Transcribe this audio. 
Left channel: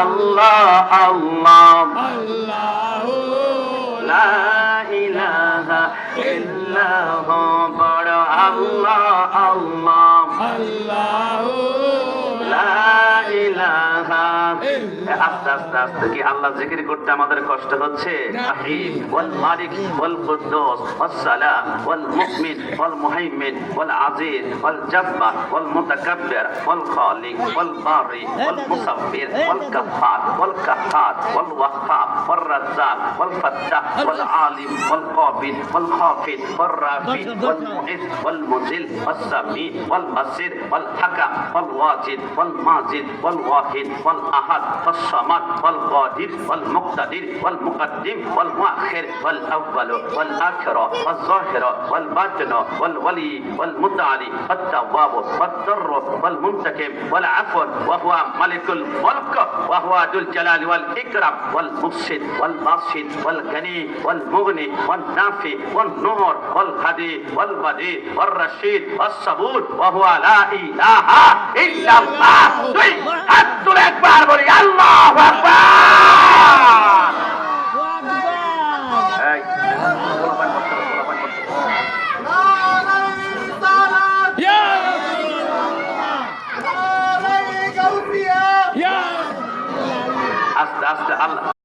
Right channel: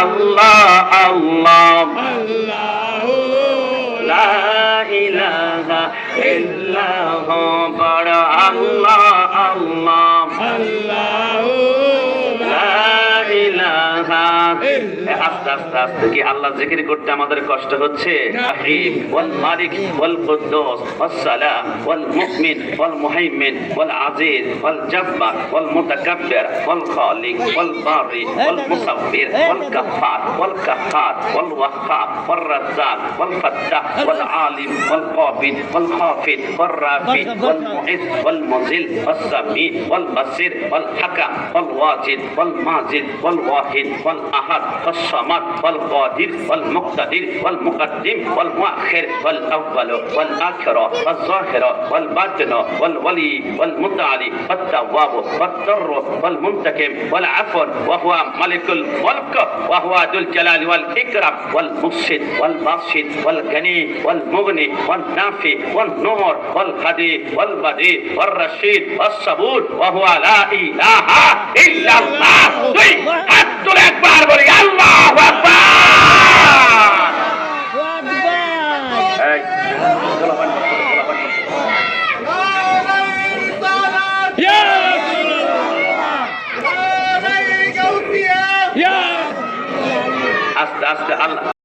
আল্লাহ আল্লাহ আল্লাহু লা ইলাহা ইল্লাহু বড় আল্লাহ আল্লাহ আল্লাহু লা ইলাহা আস্তে আস্তে আস্তে কি আল্লাহ জিকির করতে আমাদের কষ্ট হচ্ছে রহিম ওয়াল মালিক ওয়াল কুদ্দুস ওয়াস সালাম ওয়াল মুমিন ওয়াল মুহাইমিন ওয়াল আজিজ ওয়াল জাব্বার ওয়াল মুতাকাব্বির ওয়াল খালিক ওয়াল বারি ওয়াল মুসাব্বির ওয়াল গাফফার ওয়াল কাহ্হার ওয়াল ওয়াহ্হাব ওয়াল রাজ্জাক ওয়াল ফাত্তাহ ওয়াল আলিম ওয়াল কাবিদ ওয়াল খাফিদ ওয়াল রাফি ওয়াল মুইজ ওয়াল মুজিল ওয়াস সামি ওয়াল বাসির ওয়াল হাকাম ওয়াল ওয়াজিদ ওয়াল মাজিদ ওয়াল ওয়াহিদ ওয়াল আহাদ والصمد والقادر والمقتدر والمقدم والمؤخر والأول والآخر والظاهر والباطن والولي والمتعالي والتواب والضر والمنتقم والعفو وهو ملك الملك وهو ذو الجلال والإكرام والمفسد والباسط والغني والمغني والنافع والنور والهدي والبديع والرشيد والصبور وهو لا إله إلا الله একবার বলি আল্লাহু আকবার আস্তে আস্তে আল্লাহ